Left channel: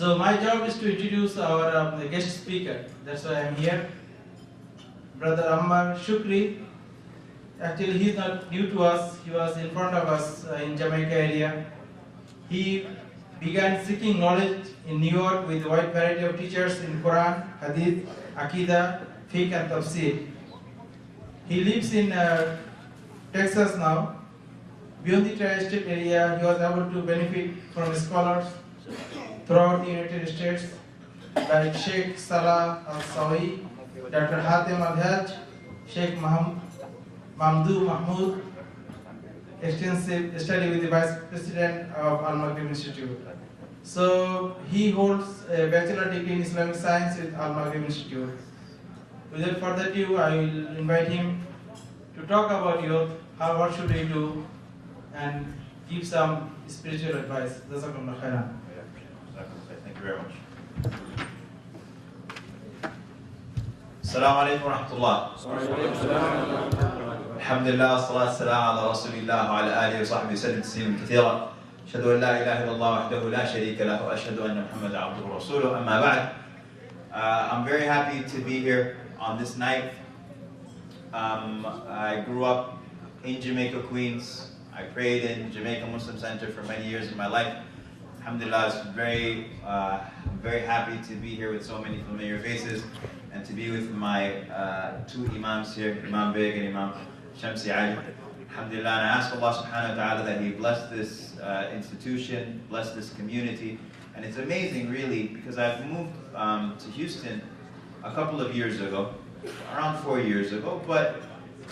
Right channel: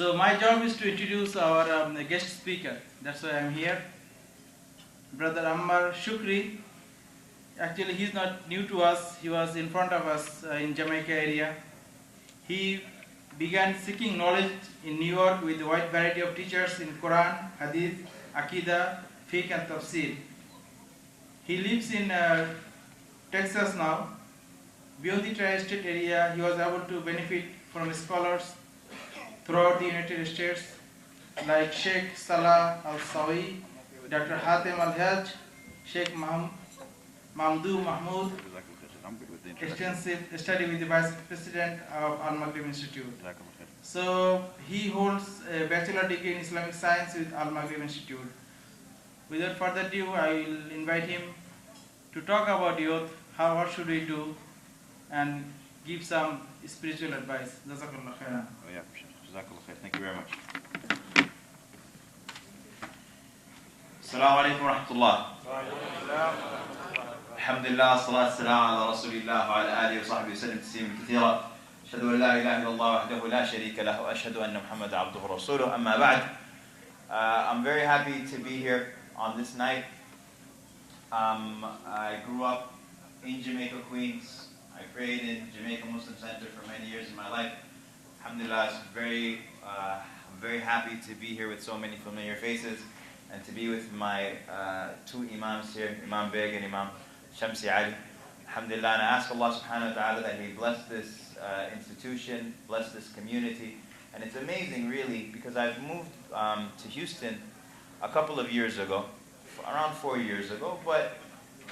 So my job is to introduce our guest speaker. That's why I'm here. Brother Ammar Shukri. Actually, he's not new to us. He was in front of us in Jamaica area. He began seeking knowledge in New York with a wide variety of teachers in Quran, Hadith, Aqidah, Fiqh and Tafsir. He lives in Texas now. Beyond the tri-state area, he was able to benefit from scholars throughout the United States like Sheikh Salah Al-Sawi, Dr. Hatem Al-Hajj, Sheikh Mamdou Mahmoud, extensive study with the Vice President of Al-Maghrib Institute. So he holds a bachelor degree in Islamic Science with Al-Maghrib Institute. Without further ado, I will invite him to talk about youth, what should we do, and give some spiritual advice. Jazakallah khairan. Thank you very much. Assalamu alaikum wa rahmatullah. Alhamdulillah, salatu salam ala rasulillah wa ala alihi wa sahbihi wa sallam tasliman kathira. Ashhadu an la ilaha illallah wahdahu la sharika lahu wa ashhadu anna Muhammadan abduhu wa rasuluhu. Amma ba'd. I'm very happy to be here on this night. I grew up in Jamaica, Queens. I prayed in Jamaica Muslim Center for many years in my life. Alhamdulillah, I'm very happy to be here with so many familiar faces and to be with my two imams here, Imam Beg and Imam Shamsi Ali. Alhamdulillah, and I ask Allah subhanahu wa ta'ala that He bless this institution, bless this community. And it's amazing really because I've moved to Houston a couple of years ago, around 4 years ago, but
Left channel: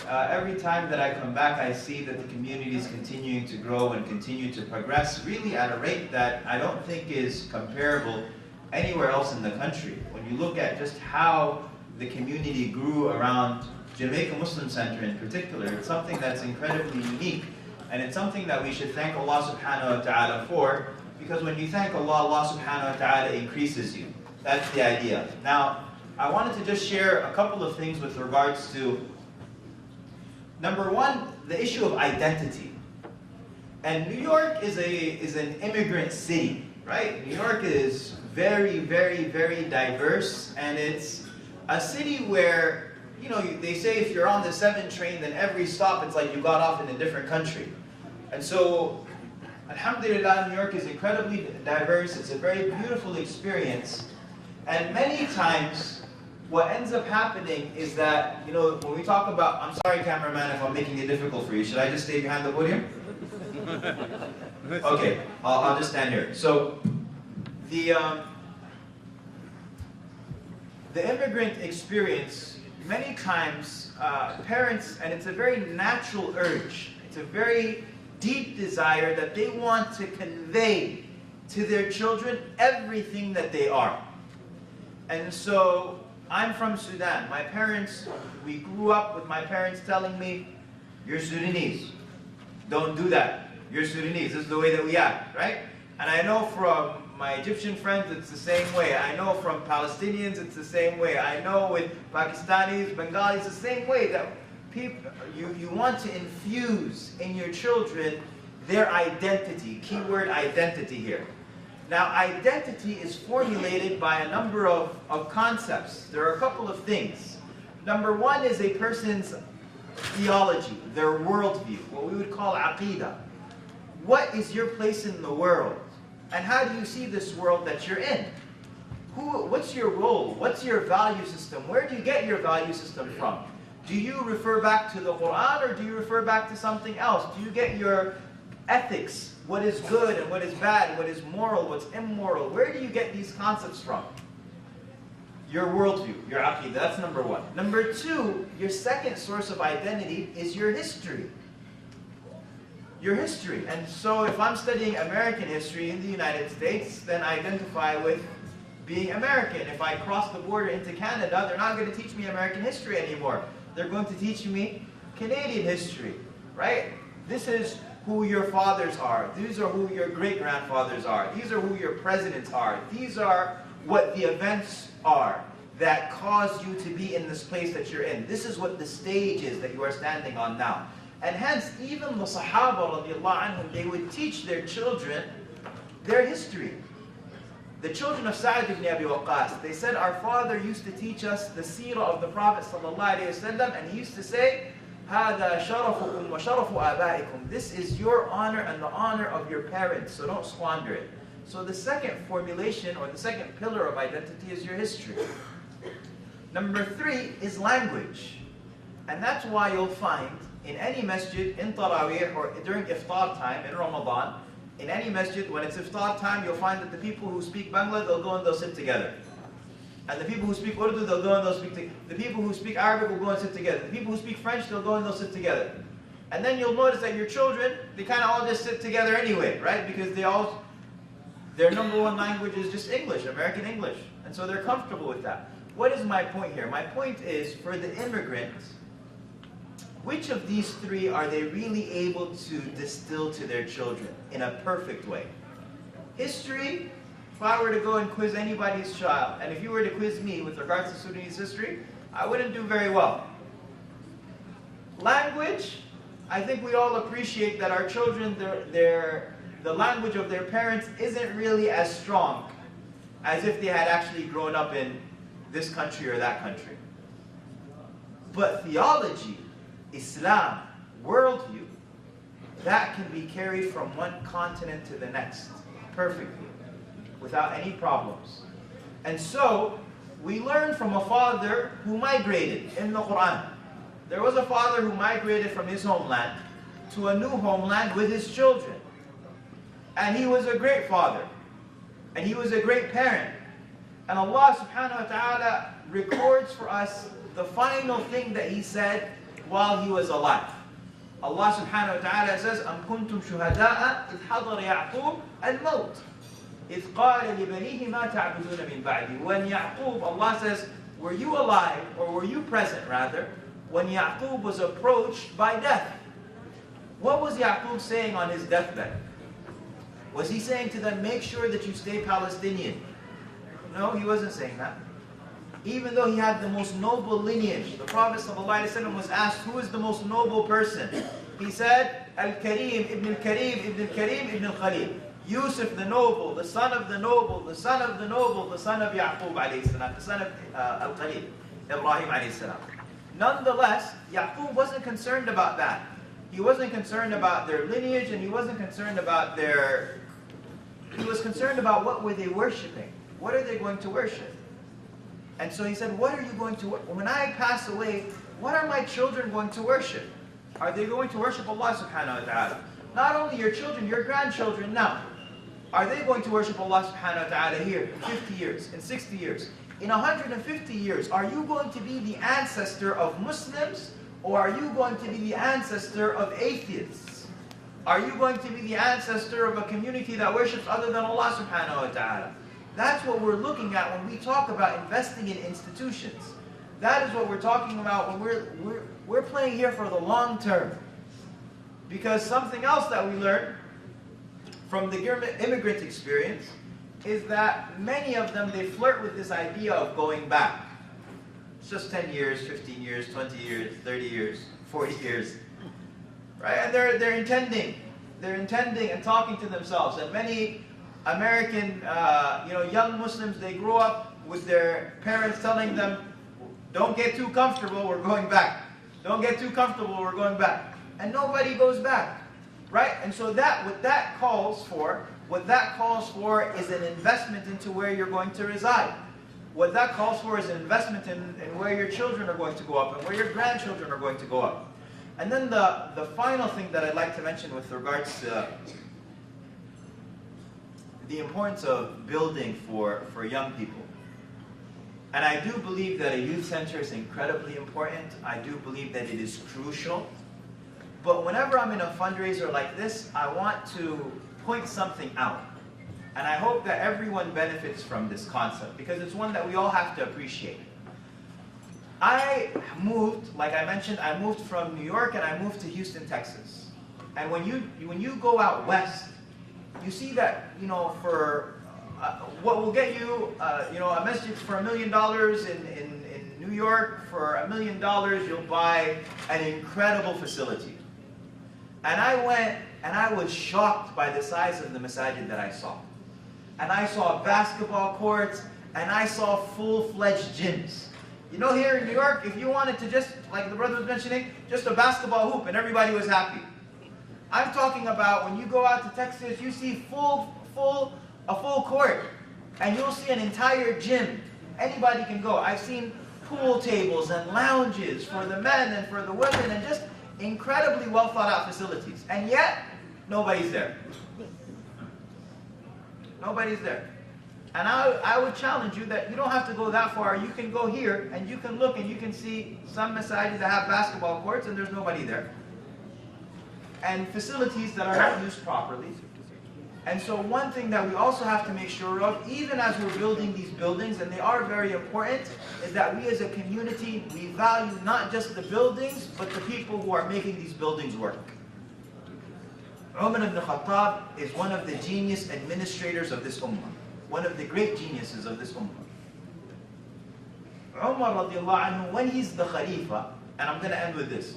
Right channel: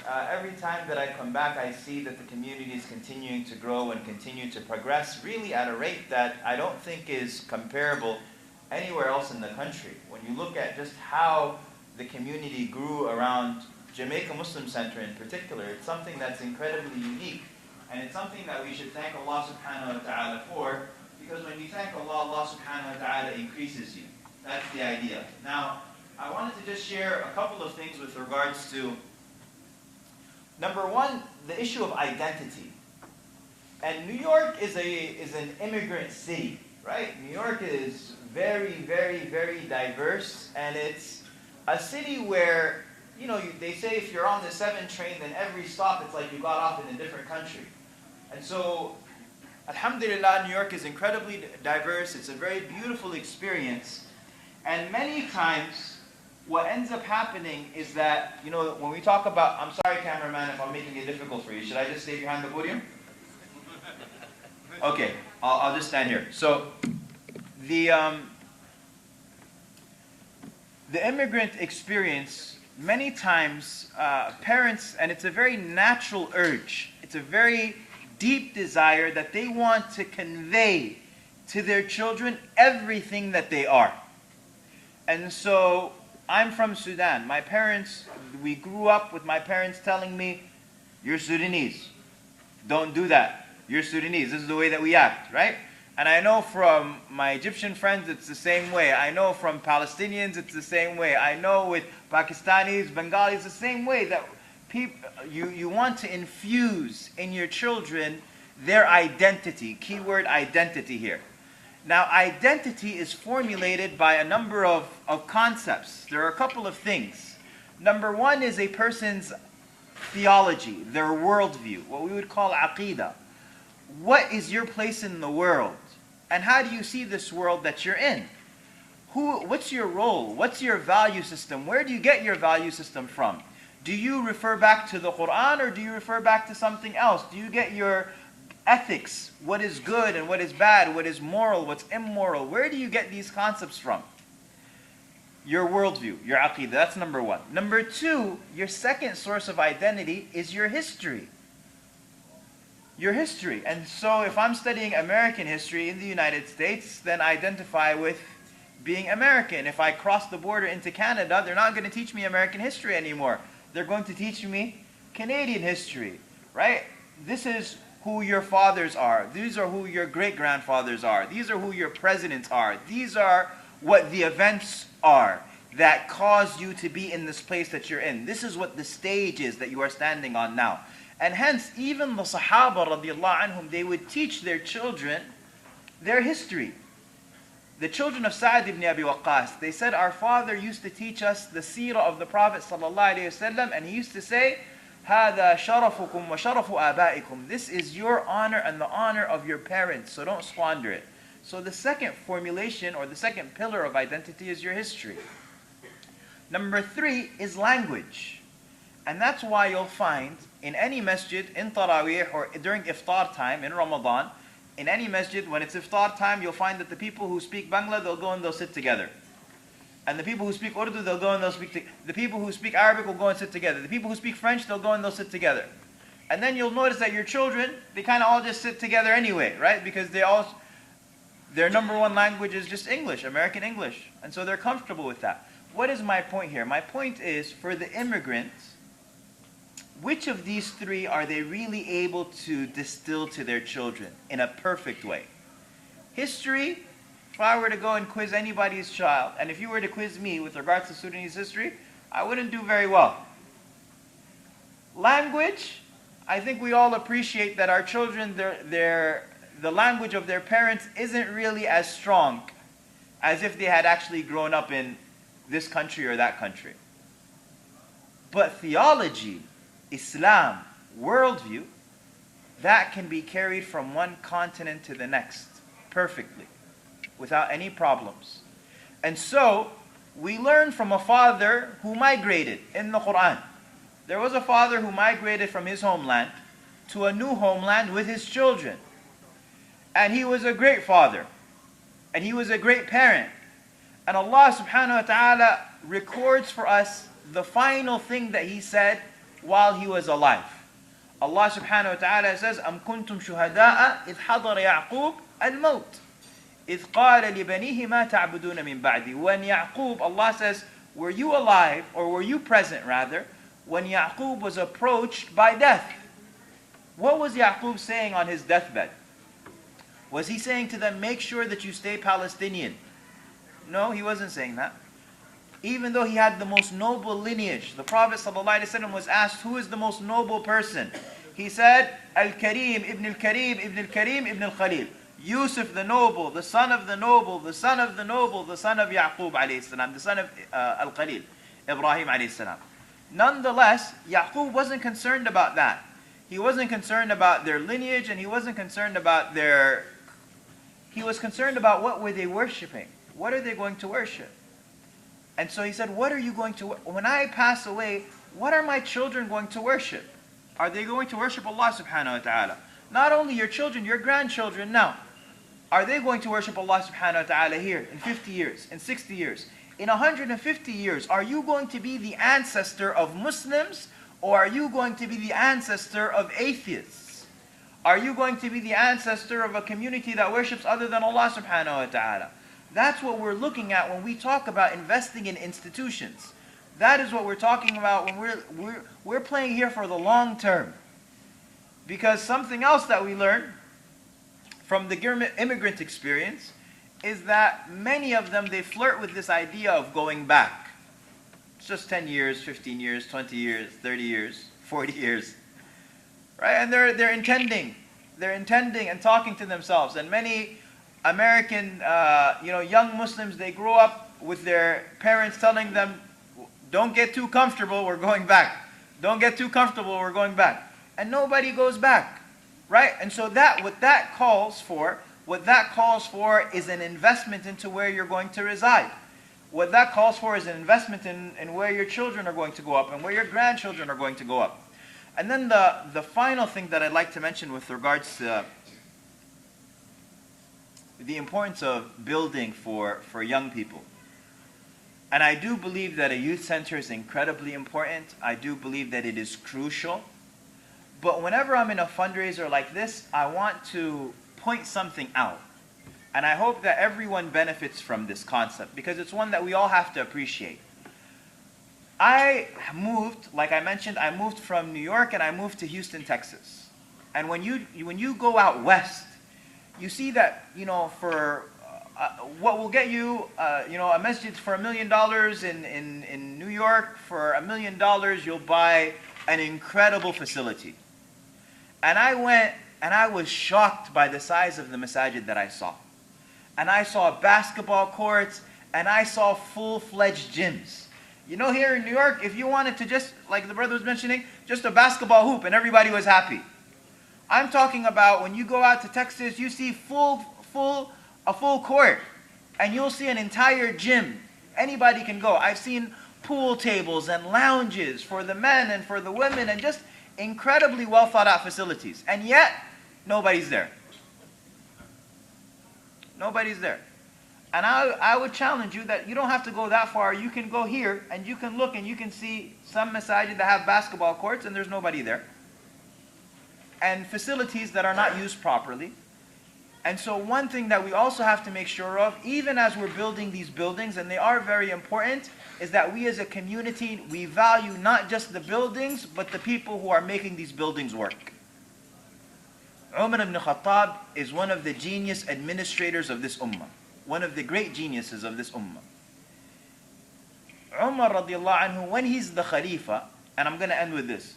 every time that I come back, I see that the community is continuing to grow and continue to progress, really at a rate that I don't think is comparable anywhere else in the country. When you look at just how the community grew around Jamaica Muslim Center in particular, it's something that's incredibly unique, and it's something that we should thank Allah subhanahu wa ta'ala for, because when you thank Allah, Allah subhanahu wa ta'ala increases you. That's the idea. Now, I wanted to just share a couple of things with regards to number one, the issue of identity. And New York is an immigrant city, right? New York is very, very, very diverse, and it's a city where, they say if you're on the 7 train, then every stop it's like you got off in a different country. And so, alhamdulillah, New York is incredibly diverse. It's a very beautiful experience. And many times, what ends up happening is that, when we talk about, I'm sorry cameraman if I'm making it difficult for you, should I just stay behind the podium? Okay, I'll just stand here. So, the immigrant experience, many times, parents, and it's a very natural urge, it's a very deep desire that they want to convey to their children everything that they are. And so, I'm from Sudan. My parents, we grew up with my parents telling me, you're Sudanese. Don't do that. You're Sudanese. This is the way that we act, right? And I know from my Egyptian friends, it's the same way. I know from Palestinians, it's the same way. I know with Pakistanis, Bengalis, the same way that people, you want to infuse in your children their identity. Keyword identity here. Now, identity is formulated by a number of concepts. There are a couple of things. Number one is a person's theology, their worldview, what we would call aqidah. What is your place in the world? And how do you see this world that you're in? What's your role? What's your value system? Where do you get your value system from? Do you refer back to the Quran, or do you refer back to something else? Do you get your ethics, what is good and what is bad, what is moral, what's immoral? Where do you get these concepts from? Your worldview, your aqidah, that's number one. Number two, your second source of identity is your history. Your history. And so if I'm studying American history in the United States, then I identify with being American. If I cross the border into Canada, they're not going to teach me American history anymore. They're going to teach me Canadian history, right? This is who your fathers are. These are who your great-grandfathers are. These are who your presidents are. These are what the events are that cause you to be in this place that you're in. This is what the stage is that you are standing on now. And hence, even the Sahaba radiallahu anhum, they would teach their children their history. The children of Sa'd ibn Abi Waqqas, they said, our father used to teach us the seerah of the Prophet ﷺ, and he used to say, هَذَا شَرَفُكُمْ وَشَرَفُ آبَائِكُمْ. This is your honor and the honor of your parents, so don't squander it. So the second formulation, or the second pillar of identity, is your history. Number 3 is language. And that's why you'll find in any masjid, in Taraweeh, or during iftar time, in Ramadan, in any masjid, when it's iftar time, you'll find that the people who speak Bangla, they'll go and they'll sit together. And the people who speak Urdu, they'll go and they'll speak together. The people who speak Arabic will go and sit together. The people who speak French, they'll go and they'll sit together. And then you'll notice that your children, they kind of all just sit together anyway, right? Because their number one language is just English, American English. And so they're comfortable with that. What is my point here? My point is, for the immigrants, which of these 3 are they really able to distill to their children in a perfect way? History, if I were to go and quiz anybody's child, and if you were to quiz me with regards to Sudanese history, I wouldn't do very well. Language, I think we all appreciate that our children, the language of their parents isn't really as strong as if they had actually grown up in this country or that country. But theology, Islam, worldview, that can be carried from one continent to the next perfectly, without any problems. And so, we learn from a father who migrated in the Quran. There was a father who migrated from his homeland to a new homeland with his children. And he was a great father. And he was a great parent. And Allah subhanahu wa ta'ala records for us the final thing that he said while he was alive. Allah subhanahu wa ta'ala says, أَمْ كُنْتُمْ شُهَدَاءَ إِذْ حَضَرَ يَعْقُوبَ الْمَوْتِ إِذْ قَالَ لِبَنِيهِ مَا تَعْبُدُونَ مِنْ بَعْدِي. When Yaqub, Allah says, were you alive, or were you present rather, when Yaqub was approached by death? What was Yaqub saying on his deathbed? Was he saying to them, make sure that you stay Palestinian? No, he wasn't saying that. Even though he had the most noble lineage, the Prophet ﷺ was asked, who is the most noble person? He said, Al-Karim, Ibn Al-Karim, Ibn Al-Karim, Ibn Al-Khalil. Yusuf the noble, the son of the noble, the son of the noble, the son of Yaqub alayhi salam, the son of Al-Khalil, Ibrahim alayhi salam. Nonetheless, Yaqub wasn't concerned about that. He wasn't concerned about their lineage, and he wasn't concerned about he was concerned about what were they worshiping. What are they going to worship? And so he said, what are you going to, when I pass away, what are my children going to worship? Are they going to worship Allah subhanahu wa ta'ala? Not only your children, your grandchildren now. Are they going to worship Allah subhanahu wa ta'ala here in 50 years, in 60 years, in 150 years? Are you going to be the ancestor of Muslims, or are you going to be the ancestor of atheists? Are you going to be the ancestor of a community that worships other than Allah subhanahu wa ta'ala? That's what we're looking at when we talk about investing in institutions. That is what we're talking about when we're playing here for the long term. Because something else that we learned from the immigrant experience is that many of them, they flirt with this idea of going back. It's just 10 years, 15 years, 20 years, 30 years, 40 years. Right? And they're intending and talking to themselves. And many American young Muslims, they grow up with their parents telling them, don't get too comfortable, we're going back. Don't get too comfortable, we're going back. And nobody goes back, right? And so what that calls for is an investment into where you're going to reside. What that calls for is an investment in where your children are going to go up and where your grandchildren are going to go up. And then the final thing that I'd like to mention with regards to the importance of building for young people. And I do believe that a youth center is incredibly important. I do believe that it is crucial. But whenever I'm in a fundraiser like this, I want to point something out. And I hope that everyone benefits from this concept, because it's one that we all have to appreciate. I moved, like I mentioned, I moved from New York and I moved to Houston, Texas. And when you go out west, you see that, for what will get you, a masjid for $1 million in New York, for $1 million you'll buy an incredible facility. And I went and I was shocked by the size of the masajid that I saw. and I saw basketball courts, and I saw full-fledged gyms. You know, here in New York, if you wanted to just, like the brother was mentioning, just a basketball hoop and everybody was happy. I'm talking about when you go out to Texas, you see a full court, and you'll see an entire gym. Anybody can go. I've seen pool tables and lounges for the men and for the women, and just incredibly well thought out facilities. And yet, nobody's there. Nobody's there. And I would challenge you that you don't have to go that far. You can go here and you can look and you can see some masajid that have basketball courts and there's nobody there. And facilities that are not used properly. And so one thing that we also have to make sure of, even as we're building these buildings, and they are very important, is that we as a community, we value not just the buildings, but the people who are making these buildings work. Umar ibn Khattab is one of the genius administrators of this ummah. One of the great geniuses of this ummah. Umar radiallahu anhu, when he's the Khalifa, and I'm going to end with this,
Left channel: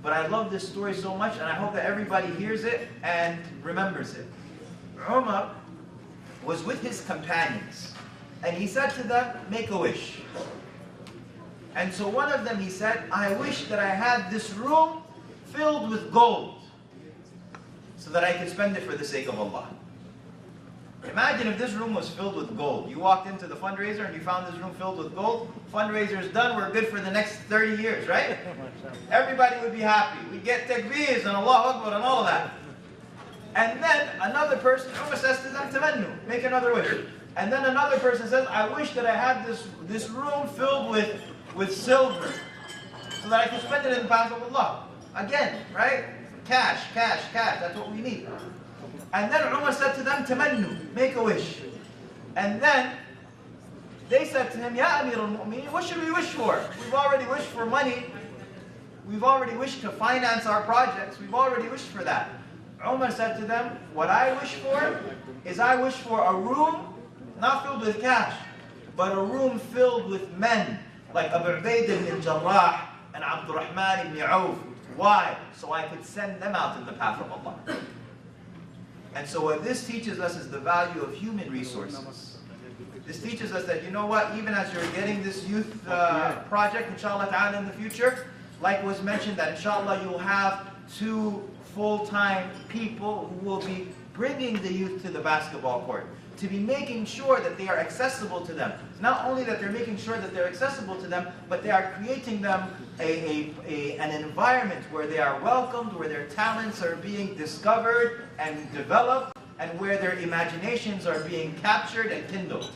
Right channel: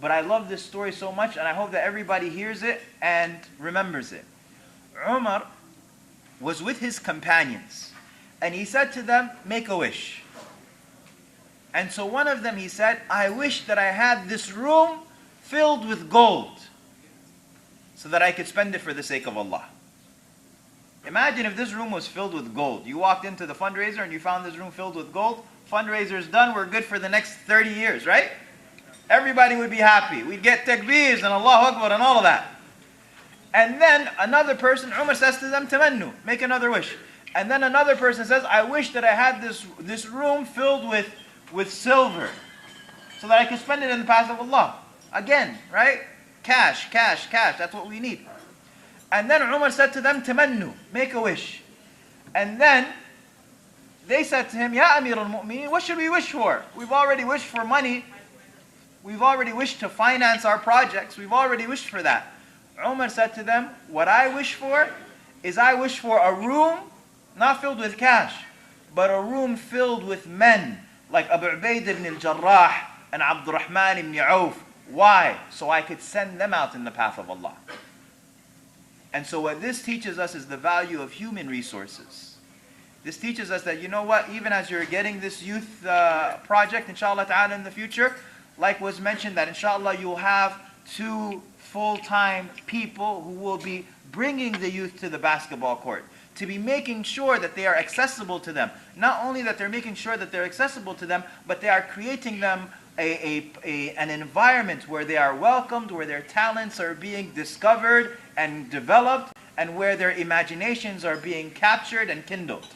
but I love this story so much, and I hope that everybody hears it and remembers it. Umar was with his companions, and he said to them, make a wish. And so one of them, he said, I wish that I had this room filled with gold, so that I could spend it for the sake of Allah. Imagine if this room was filled with gold. You walked into the fundraiser and you found this room filled with gold. Fundraiser's done, we're good for the next 30 years, right? Everybody would be happy. We'd get takbeers and Allahu Akbar and all of that. And then another person, Umar says to them, tamannu, make another wish. And then another person says, I wish that I had this room filled with silver, so that I could spend it in the path of Allah. Again, right? Cash, cash, cash, that's what we need. And then Umar said to them, tamannu, make a wish. And then they said to him, Ya Amir al-Mu'mineen, what should we wish for? We've already wished for money. We've already wished to finance our projects. We've already wished for that. Umar said to them, what I wish for is I wish for a room not filled with cash, but a room filled with men like Abu Ubaid ibn al-Jarrah and Abdurrahman ibn Auf. Why? So I could send them out in the path of Allah. And so what this teaches us is the value of human resources. This teaches us that, you know what, even as you're getting this youth project, inshallah ta'ala, in the future, like was mentioned, that inshallah you'll have 2 full-time people who will be bringing the youth to the basketball court, to be making sure that they are accessible to them. Not only that they're making sure that they're accessible to them, but they are creating them an environment where they are welcomed, where their talents are being discovered and developed, and where their imaginations are being captured and kindled.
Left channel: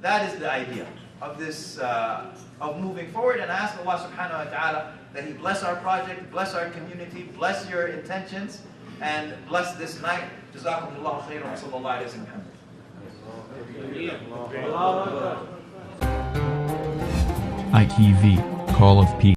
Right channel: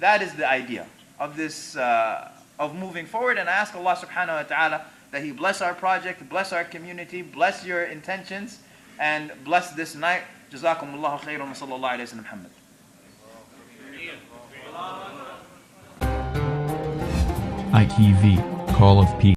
That is the idea of this, of moving forward. And I ask Allah subhanahu wa ta'ala that He bless our project, bless our community, bless your intentions, and bless this night. Jazakumullahu khairan wa sallallahu alayhi wa sallam. ITV, Call of Peace.